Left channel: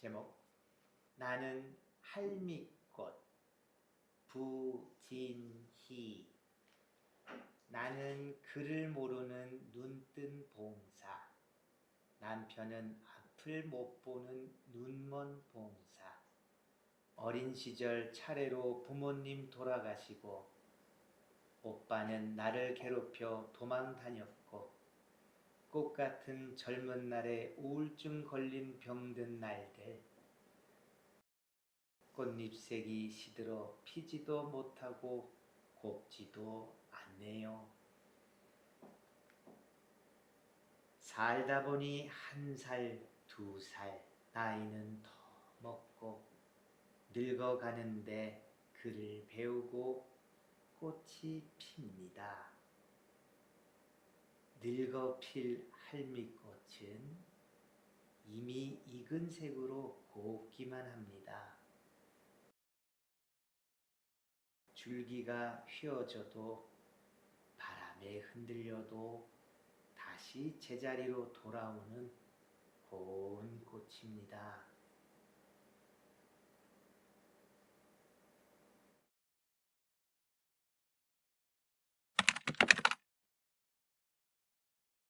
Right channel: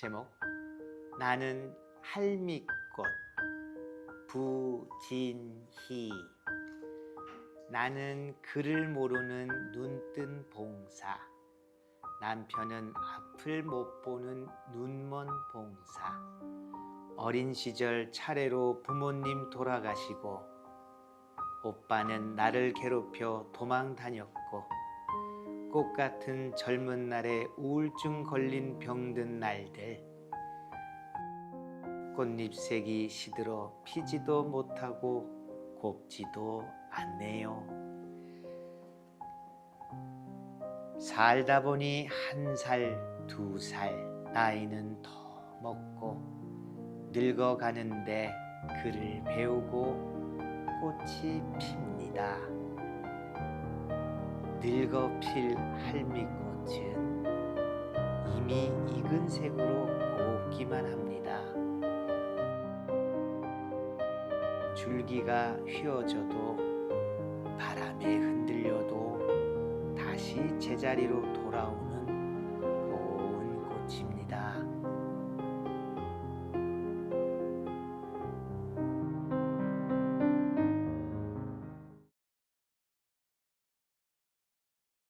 제목 나는 할미꽃 부진희. 나는 글을 모르는 눈뜬 봉사 남편은 앞을 못 보는 눈먼 봉사. 어린 시절 차례로 부모님 돌아가시고 오빠는 나를 괴롭혀 도망 다녔고 꽃 같은 젊은 날에 우울증 걸린 병든 날들 꽃잎색이 시들어 피지도 못하고 곱지도 않네요. 살다 보니 한 살, 두 살, 나이는 더 먹고 늙어가는데 글을 배우고 꽃이 핍니다. 늙어 필 할미꽃은 이미 익은 색으로 곱기만 합니다. 줄기가 휘어져도 바람에 흔들려도 다시 제자리로 돌아오는